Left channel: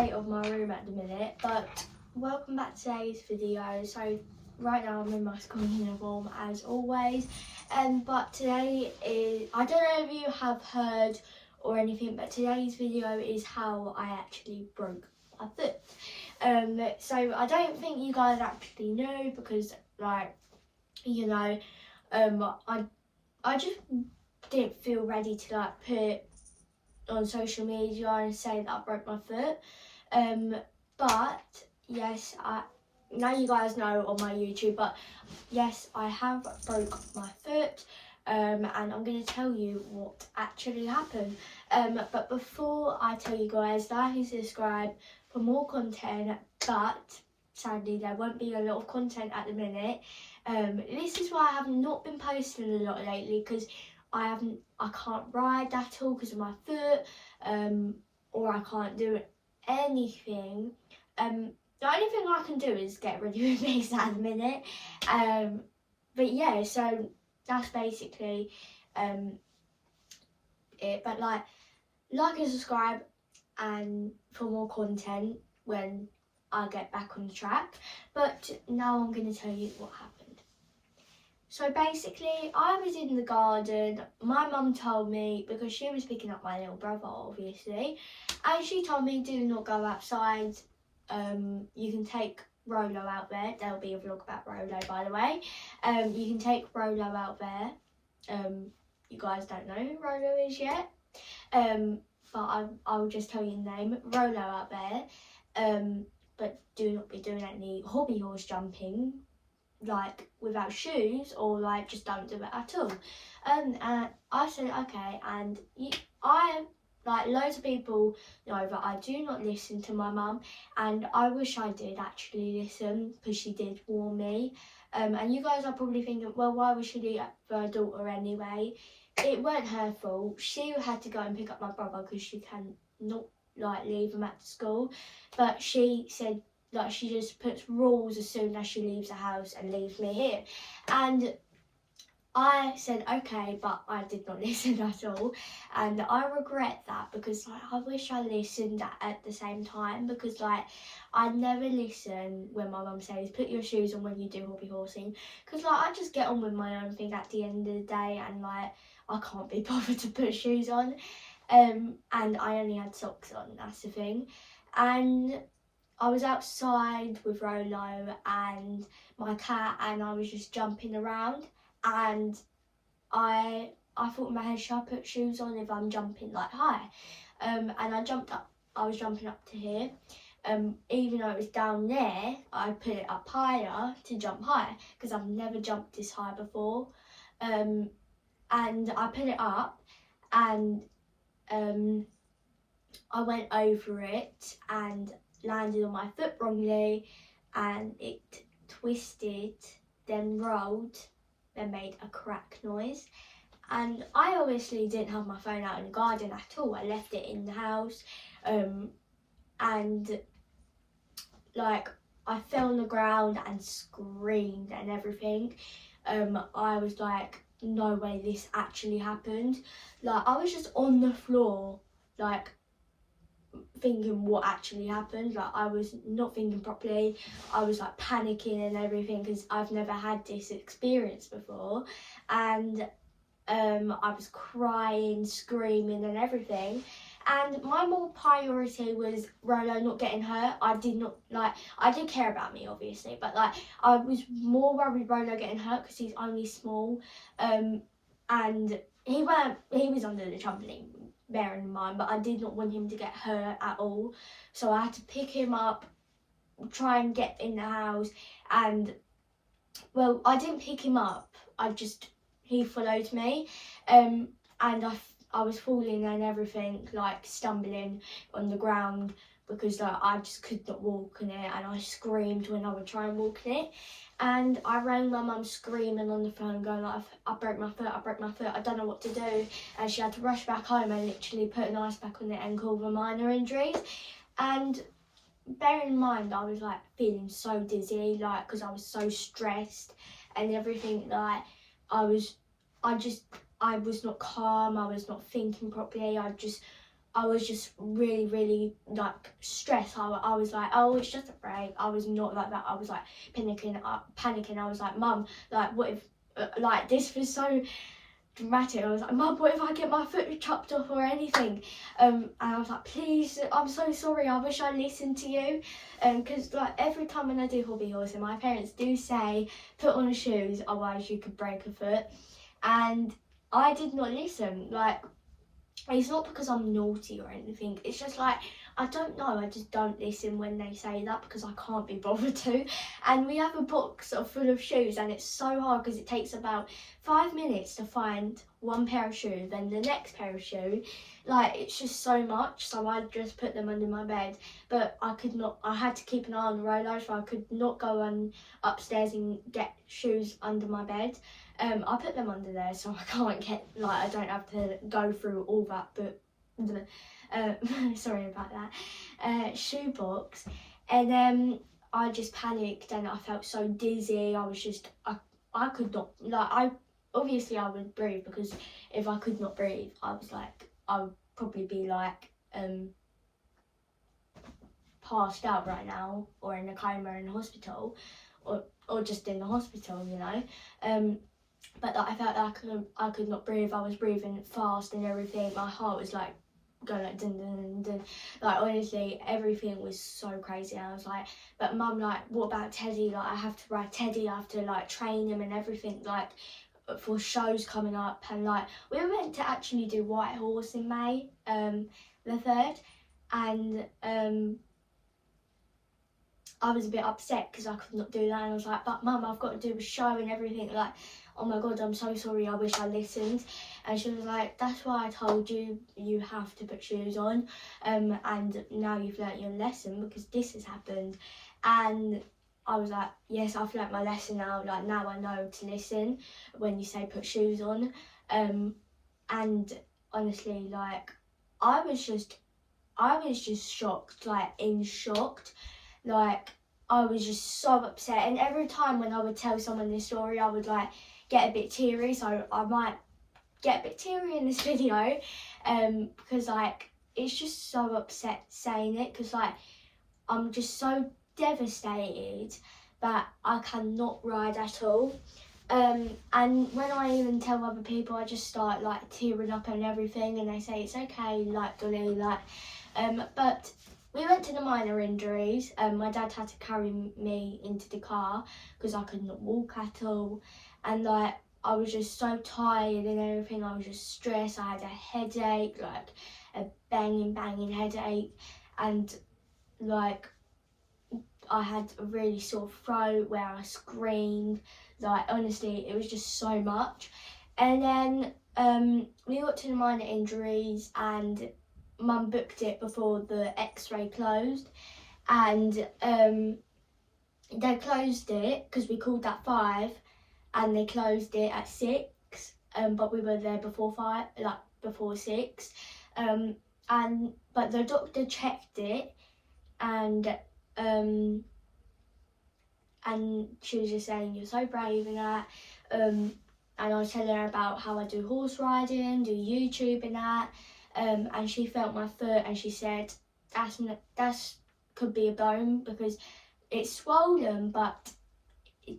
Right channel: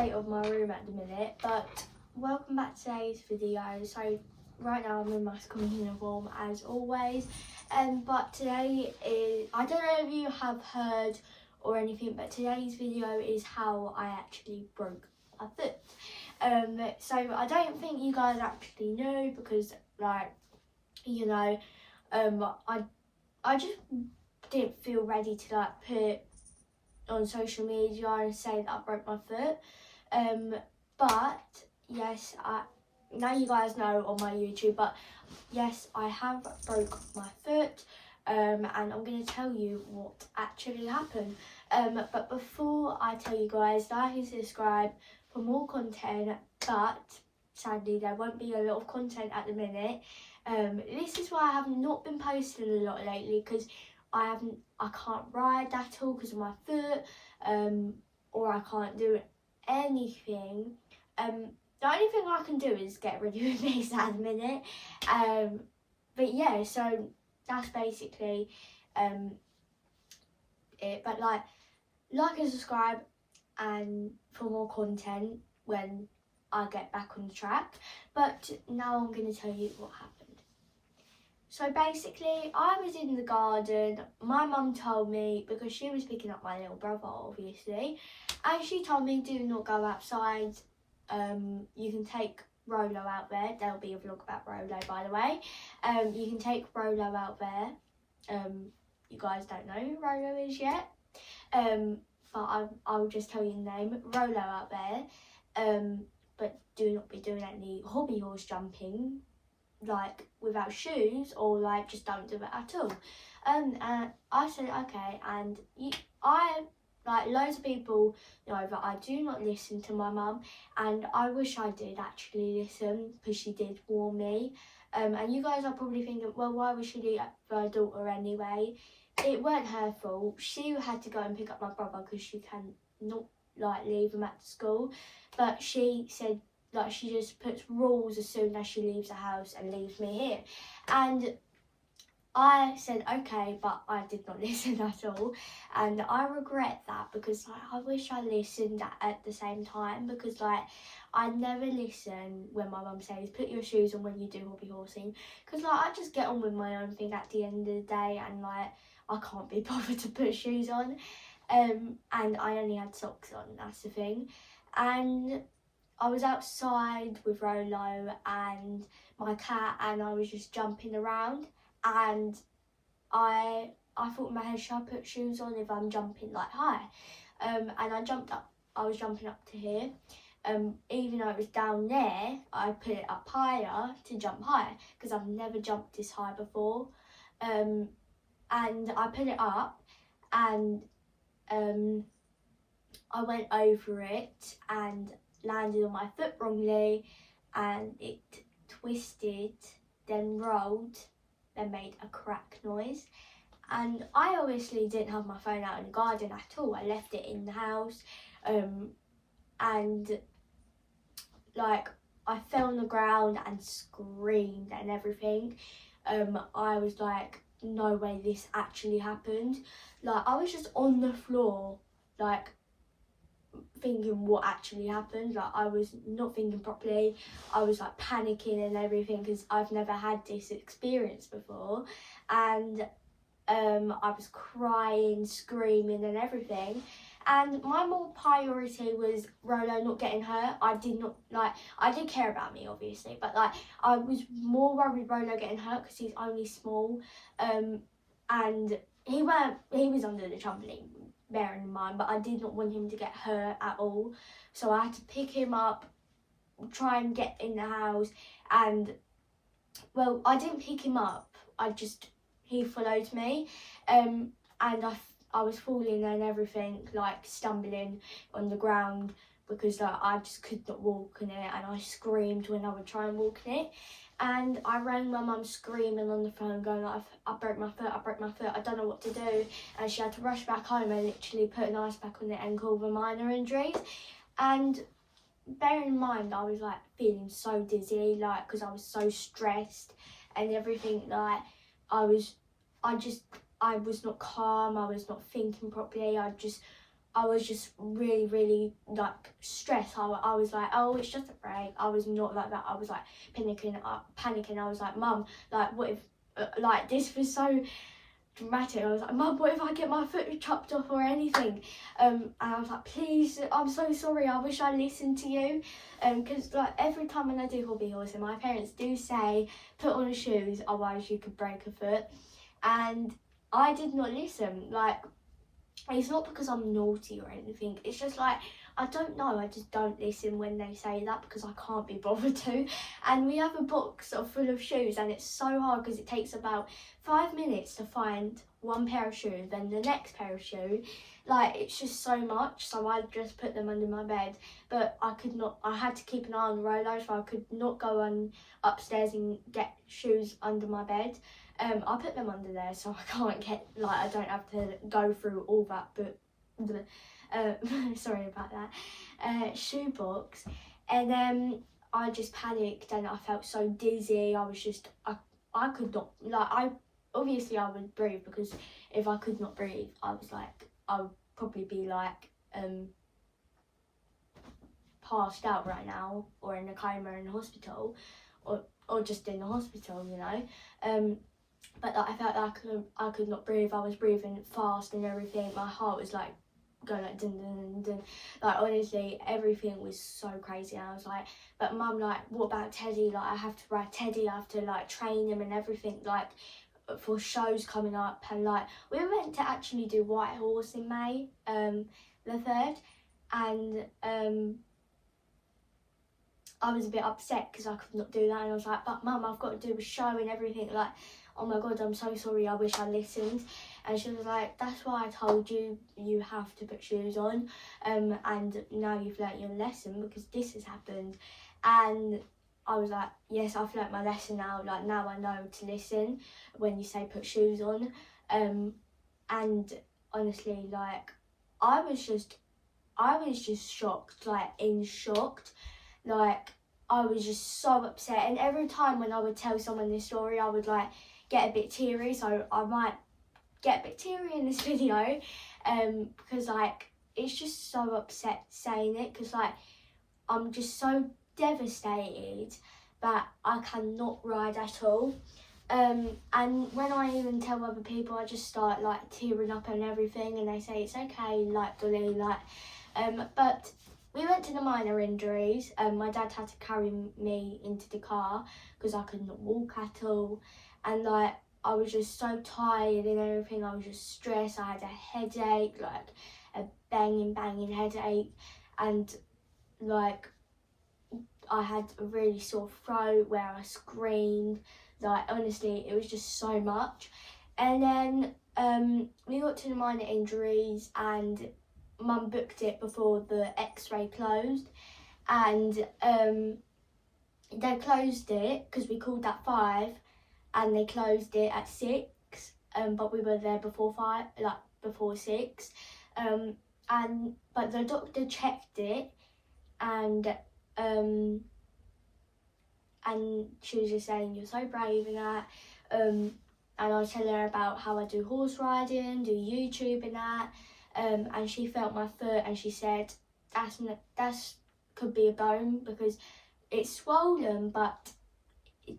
state of my room at the minute, but welcome back to today's video. So right now I'm in my school uniform as always, but today is, I don't know if you have heard or anything, but today's video is how I actually broke my foot. So I don't think you guys actually know because, like, you know, I just didn't feel ready to like put on social media and say that I broke my foot. But yes, now you guys know on my YouTube, but yes, I have broke my foot. And I'm going to tell you what actually happened. But before I tell you guys, like and subscribe for more content, but sadly there won't be a lot of content at the minute. This is why I have not been posting a lot lately, because I can't ride at all because of my foot, or I can't do anything. The only thing I can do is get rid of my face at the minute. But yeah, so that's basically it. But like and subscribe and for more content when I get back on track. But now I'm going to tell you what happened. So basically, I was in the garden. My mum told me, because she was picking up my little brother, obviously, and she told me, do not go outside. You can take Rolo out there. There'll be a vlog about Rolo, by the way. You can take Rolo out there. You guys don't know who Rolo is yet. But I will just tell you the name. Rolo out there. But do not be doing any hobby horse jumping, like without shoes, or like just don't do it at all. And I said okay, and I, like loads of people know that I do not listen to my mum, and I wish I did actually listen, because she did warn me. And you guys are probably thinking, well, why would she do that for her daughter anyway? It weren't her fault. She had to go and pick up my brother because she can not like leave him at school, but she said, like, she just puts rules as soon as she leaves the house and leaves me here. And I said okay, but I did not listen at all, and I regret that, because like I wish I listened at the same time, because like I never listen when my mum says put your shoes on when you do hobby horsing, because like I just get on with my own thing at the end of the day, and like I can't be bothered to put shoes on, and I only had socks on, that's the thing. And I was outside with Rolo and my cat, and I was just jumping around, and I thought in my head, should I put shoes on if I'm jumping like high? And I jumped up. I was jumping up to here. Even though it was down there, I put it up higher to jump high, because I've never jumped this high before. And I put it up, and I went over it and landed on my foot wrongly, and it twisted, then rolled, then made a crack noise. And I obviously didn't have my phone out in the garden at all. I left it in the house, and like I fell on the ground and screamed and everything. I was like, no way this actually happened. Like I was just on the floor, like thinking what actually happened. Like I was not thinking properly. I was like panicking and everything, because I've never had this experience before, and I was crying, screaming and everything. And my more priority was Rolo not getting hurt. I did care about me obviously, but like I was more worried Rolo getting hurt because he's only small, and he was under the trampoline, bearing in mind, but I did not want him to get hurt at all. So I had to pick him up, try and get in the house, and well, I didn't pick him up, he followed me, and I was falling and everything, like stumbling on the ground, because like I just could not walk in it, and I screamed when I would try and walk in it. And I rang my mum screaming on the phone, going like, I broke my foot, I don't know what to do. And she had to rush back home and literally put an ice pack on the ankle for minor injuries. And bearing in mind, I was like feeling so dizzy, like because I was so stressed and everything. Like I was not calm, I was not thinking properly. I just I was just really, really like stressed. I was like, oh, it's just a break. I was not like that. I was like panicking. I was like, Mum, like, what if, like, this was so dramatic. I was like, Mum, what if I get my foot chopped off or anything? And I was like, please, I'm so sorry. I wish I listened to you. Because like every time when I do hobby horsing, my parents do say, put on the shoes, otherwise you could break a foot. And I did not listen. Like, it's not because I'm naughty or anything. It's just like, I don't know. I just don't listen when they say that because I can't be bothered to. And we have a box full of shoes, and it's so hard because it takes about 5 minutes to find one pair of shoes, then the next pair of shoes. Like, it's just so much. So I just put them under my bed. But I could not. I had to keep an eye on the roller, so I could not go upstairs and get shoes under my bed. I put them under there so I can't get, like, I don't have to go through all that, but sorry about that, shoebox. And then I just panicked and I felt so dizzy. I was just, I could not, like, obviously I would breathe, because if I could not breathe, I was like, I would probably be like, passed out right now, or in a coma in hospital, or just in the hospital, you know. But like, I felt like I could not breathe. I was breathing fast and everything. My heart was like going like dun dun dun. Like, honestly, everything was so crazy. And I was like, but Mum, like, what about Teddy? Like, I have to ride Teddy. I have to like train him and everything, like, for shows coming up. And like, we were meant to actually do White Horse in May, the 3rd, and I was a bit upset because I could not do that, and I was like, but Mum, I've got to do a show and everything, like, oh my God, I'm so sorry, I wish I listened. And she was like, that's why I told you, you have to put shoes on, and now you've learnt your lesson because this has happened. And I was like, yes, I've learnt my lesson now, like, now I know to listen when you say put shoes on. And honestly, like, I was just shocked, like, shocked. Like, I was just so upset, and every time when I would tell someone this story, I would like get a bit teary, so I might get a bit teary in this video, because like, it's just so upset saying it, because like, I'm just so devastated that I cannot ride at all. And when I even tell other people, I just start like tearing up and everything, and they say it's okay, like, Dolly, like, but we went to the minor injuries. My dad had to carry me into the car because I could not walk at all, and like, I was just so tired and everything. I was just stressed. I had a headache, like a banging headache, and like, I had a really sore throat where I screamed. Like, honestly, it was just so much. And then we got to the minor injuries, and Mum booked it before the x-ray closed, and they closed it because we called at 5 and they closed it at 6, but we were there before 5, like before 6, but the doctor checked it, and she was just saying, you're so brave and that, and I was telling her about how I do horse riding, do YouTube and that, and she felt my foot and she said, that's could be a bone because it's swollen, but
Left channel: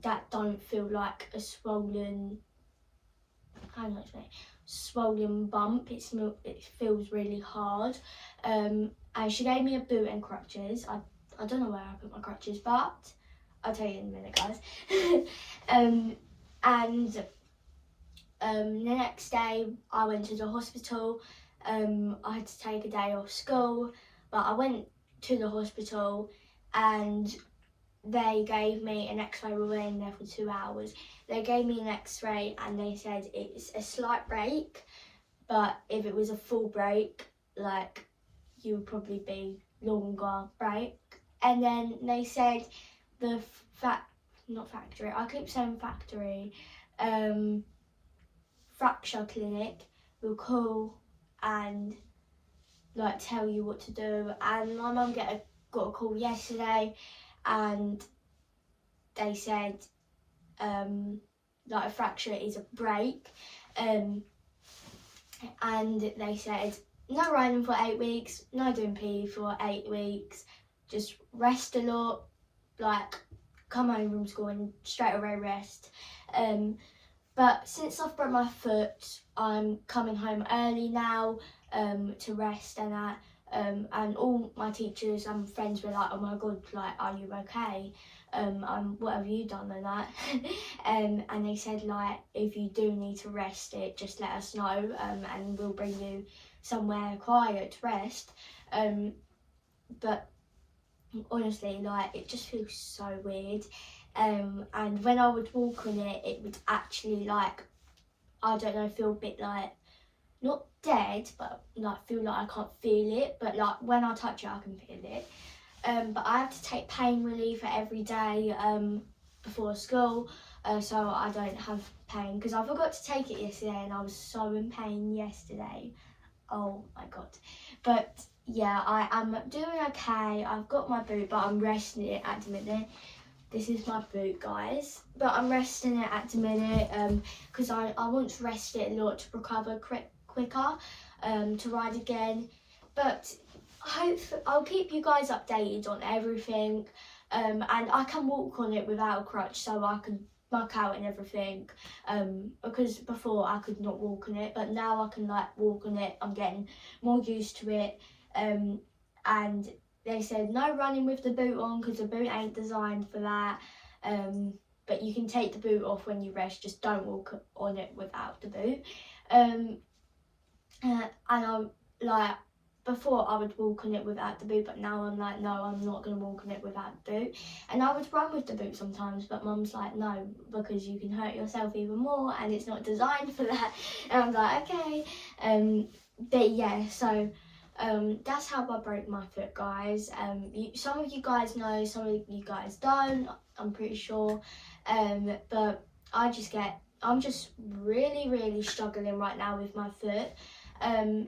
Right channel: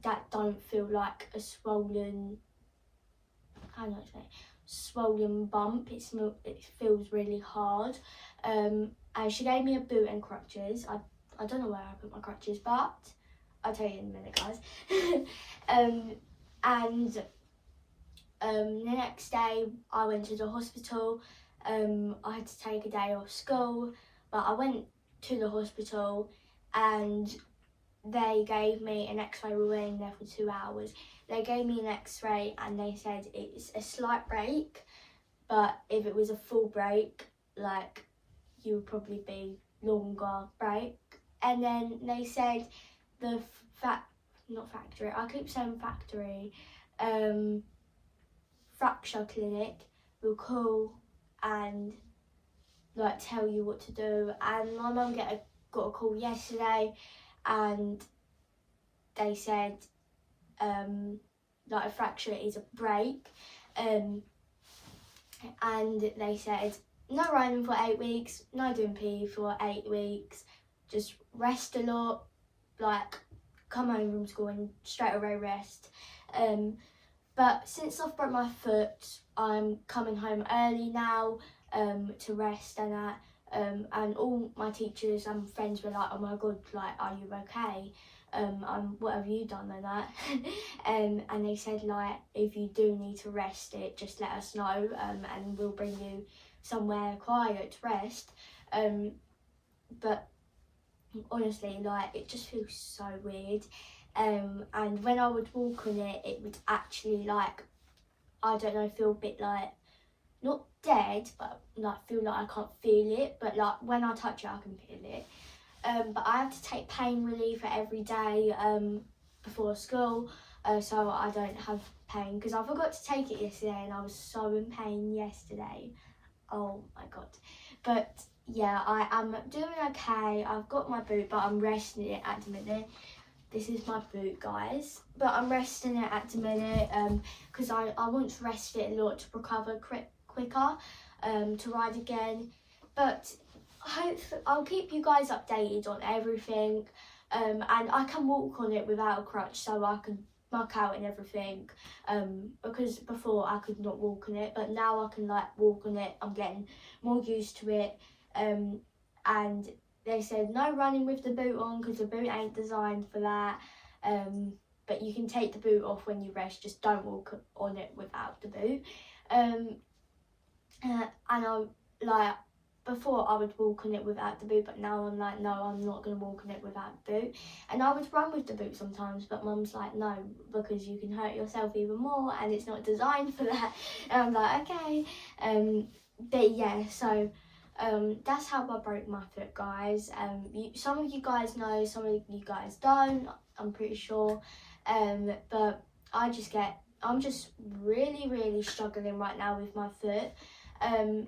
that don't feel like a swollen, I don't know, swollen bump. It feels really hard, and she gave me a boot and crutches. I don't know where I put my crutches, but I'll tell you in a minute, guys. And the next day I went to the hospital. I had to take a day off school, but I went to the hospital and they gave me an x-ray. We were in there for 2 hours. They gave me an x-ray and they said it's a slight break, but if it was a full break, like, you would probably be longer break. And then they said the fracture clinic will call and like tell you what to do. And my mum got a call yesterday, and they said like a fracture is a break, and they said no running for 8 weeks, no doing PE for 8 weeks, just rest a lot, like come home from school and straight away rest. But since I've broke my foot, I'm coming home early now to rest and that. And all my teachers and friends were like, oh my god, like, are you okay? What have you done and that? And they said, like, if you do need to rest it, just let us know, and we'll bring you somewhere quiet to rest. But honestly, like, it just feels so weird. And when I would walk on it, it would actually, like, I don't know, feel a bit like, not dead, but like feel like I can't feel it, but like when I touch it I can feel it. But I have to take pain reliever every day before school, so I don't have pain, because I forgot to take it yesterday and I was so in pain yesterday. Oh my god. But yeah, I am doing okay. I've got my boot, but I'm resting it at the minute. This is my boot, guys, but I'm resting it at the minute because I want to rest it a lot to recover quicker to ride again. But I'll keep you guys updated on everything, and I can walk on it without a crutch, so I can muck out and everything, because before I could not walk on it, but now I can like walk on it. I'm getting more used to it, and they said no running with the boot on because the boot ain't designed for that, but you can take the boot off when you rest, just don't walk on it without the boot. And I'm like, before I would walk on it without the boot, but now I'm like, no, I'm not going to walk on it without the boot. And I would run with the boot sometimes, but mum's like, no, because you can hurt yourself even more and it's not designed for that. And I'm like, okay. But yeah, so that's how I broke my foot, guys. Some of you guys know, some of you guys don't, I'm pretty sure. But I'm just really struggling right now with my foot. And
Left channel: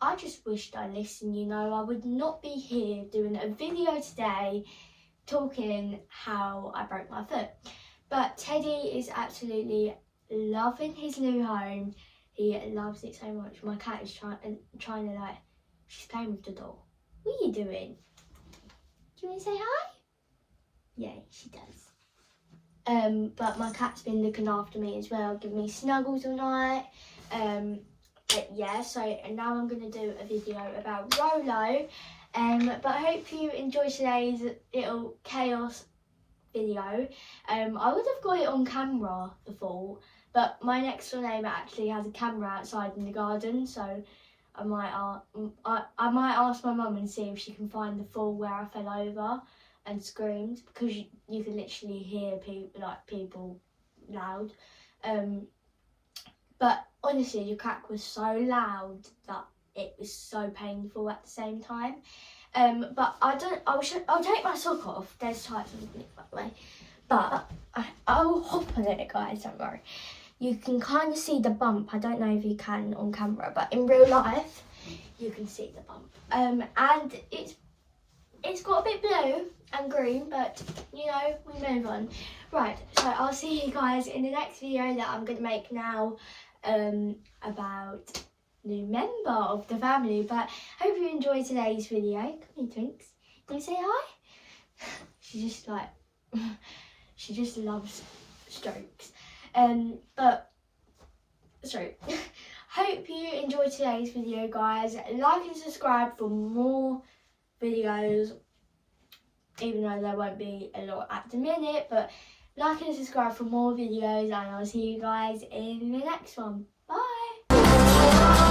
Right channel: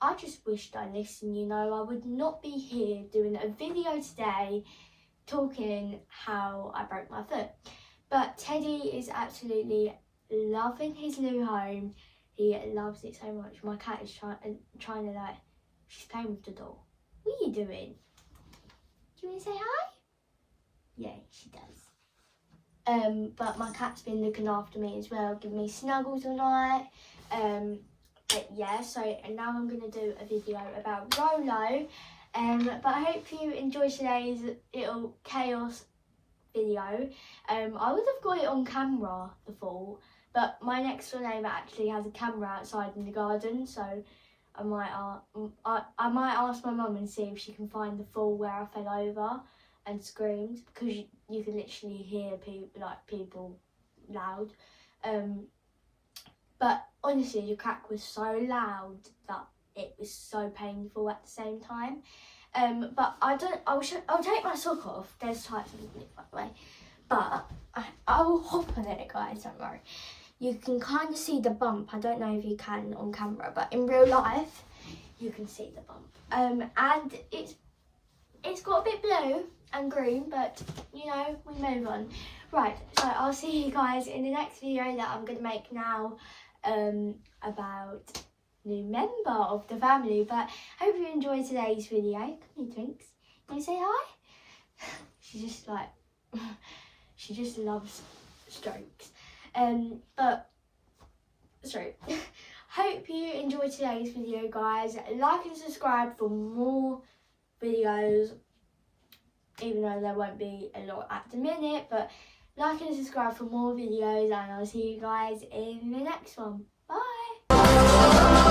I just wished I listened, you know. I would not be here doing a video today talking how I broke my foot. But Teddy is absolutely loving his new home. He loves it so much. My cat is trying to, like, she's playing with the doll. What are you doing? Do you want to say hi? Yeah, she does. But my cat's been looking after me as well, giving me snuggles all night. But yeah, so now I'm going to do a video about Rolo. But I hope you enjoyed today's little chaos video. I would have got it on camera, the fall, but my next door neighbour actually has a camera outside in the garden, so I might ask my mum and see if she can find the fall where I fell over and screamed, because you can literally hear people loud. But honestly, the crack was so loud that it was so painful at the same time. But I'll take my sock off. There's tights underneath, by the way. But I'll hop on it, guys, don't worry. You can kind of see the bump. I don't know if you can on camera, but in real life, you can see the bump. And it's got a bit blue and green, but you know, we move on. Right, so I'll see you guys in the next video that I'm going to make now, about new member of the family. But hope you enjoyed today's video. Come here, Twinks. Can you say hi? She just loves strokes. But sorry. Hope you enjoyed today's video, guys. Like and subscribe for more videos, even though there won't be a lot at the minute, but like and subscribe for more videos, and I'll see you guys in the next one. Bye!